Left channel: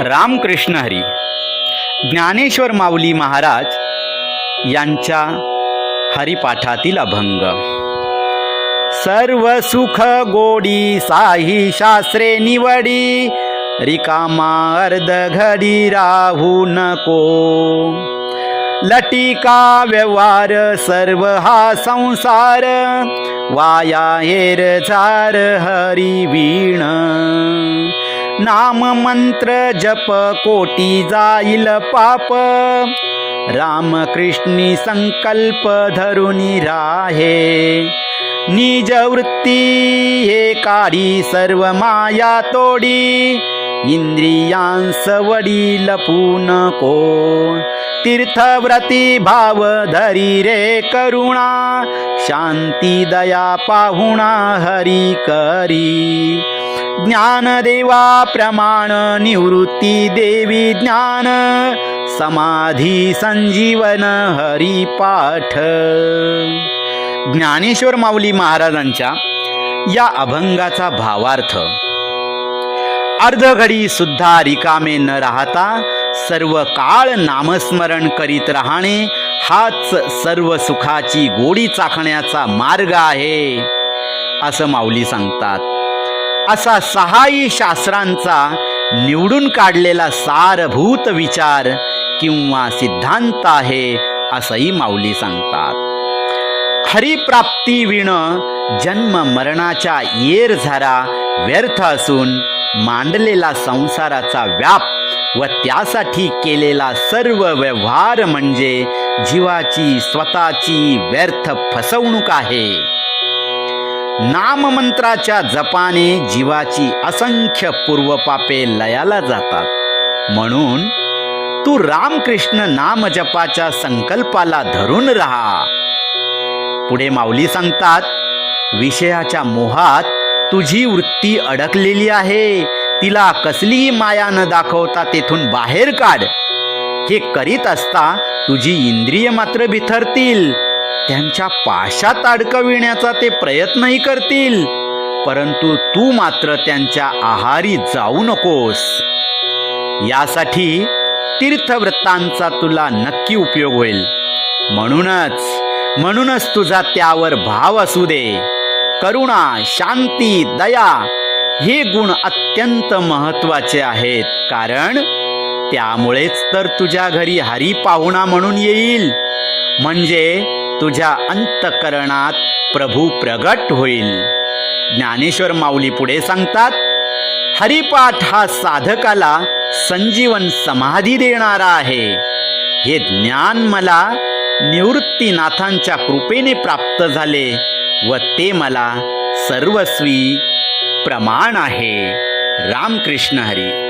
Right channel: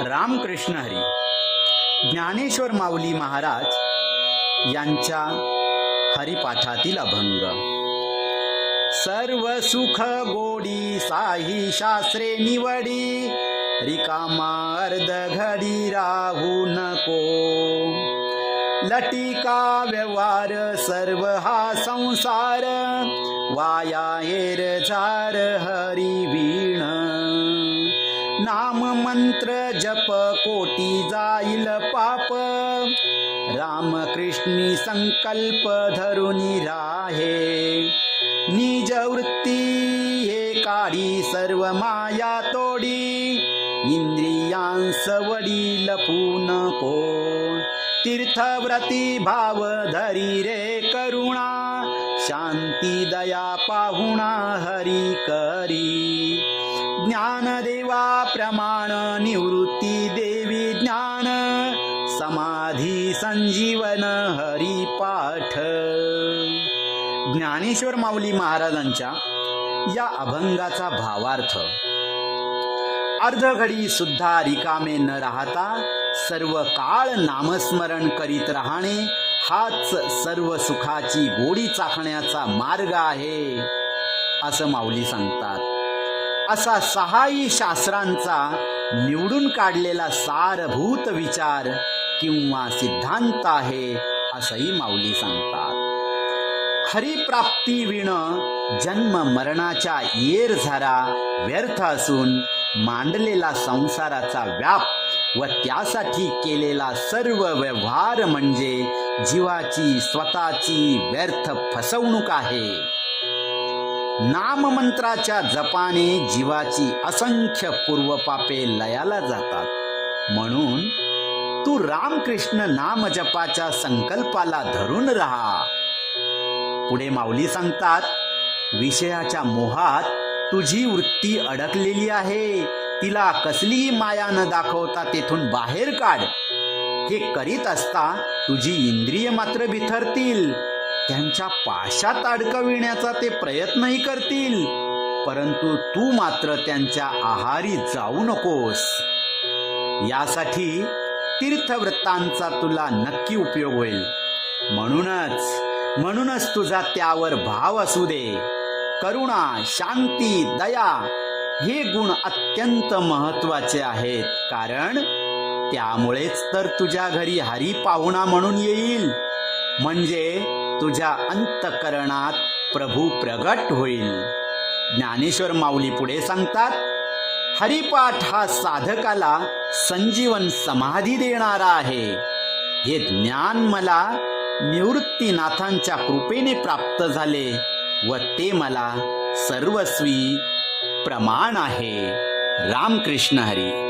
रामकृष्ण हरी. ज्ञानेश्वर माऊली महाराज यांच्या हरिपाठातील अभंग. सर्व सुख गोडी साही शास्त्रे निवडी, रिकामा अर्ध घडी राहू नको. लटिका व्यवहार सर्व हा संसार, वाया हेर झार हरी वीण. नाम मंत्र जप कोटी जाईल पाप, रामकृष्णी संकल्प धरुनी राहे. निज वृत्ती हे काढी सर्व माया तोडी, इंद्रियांस वडी लपू नको. तीर्थव्रती भाव धरी रे करुणा, शांती दया पाहुणा हरी करी. ज्ञानदेवा प्रमाण निवृत्ती देवी ज्ञान, समाधी संजीवन हरी पाठ. ज्ञानेश्वर माऊली महाराजांच्या या अभंगाचा भावार्थ. अर्धघडी सुद्धा रिकामे न राहता सर्व काळ नामस्मरण करीत राहणे, हाच सर्व सुखाची गोडी चाखण्याचा मार्ग आहे असं माऊली सांगतात. असा सहाही शास्त्रांचा निवडून काढलेला सारभूत विचार किंवा सिद्धांत आहे असंही माऊली सांगतात. हरिप्राप्ती विण जन्म मरणाच्या येरझारा व्यर्थ असून, मांडलेला संसाराचा व्याप व त्यासाठी केलेला सर्व व्यवहार म्हणजे जीवाची स्वतःची व्यर्थ फसवणूक आहे. नाममंत्राच्या जपाने जीवाची असंख्य पूर्वपापे लयाला जातात. म्हणून तू रामकृष्ण नाम जपाच्या संकल्पाला धरून राहा. पुढे माऊली सांगतात, विषयाच्या मोहात तुझी वृत्ती अडकलेली आहे, तिला कसलीही माया न दाखवता तेथून बाहेर काढ. हे करीत असता तुझी इंद्रिय मात्र बिथरतील, त्यांच्या पाशात अडकविण्याचा ते प्रयत्नही करतील, परंतु तू मात्र त्यांच्या आहारी जाऊ नकोस. यासाठी तीर्थव्रतांचा तुला नक्की उपयोग होईल. म्हणूनच तुझा त्यावर भाव असू दे. करुणा, शांती, दया हे गुण अत्यंत महत्वाचे आहेत, कारण त्यामुळेच तर तुझ्या घरी हरी पाहुणा म्हणून येईल. म्हणजे तुझ्या अंतःकरणात प्रभू प्रगट होईल. ज्ञानेश्वर माऊली पुढे सांगतात, हरिपाठ हा साधकाला संजीवन समाधी देणारा आहे. हे ज्ञान मला निवृत्तीनाथांच्या कृपेने प्राप्त झाले व ते मला सर्वस्वी प्रमाण आहे. रामकृष्ण हरी.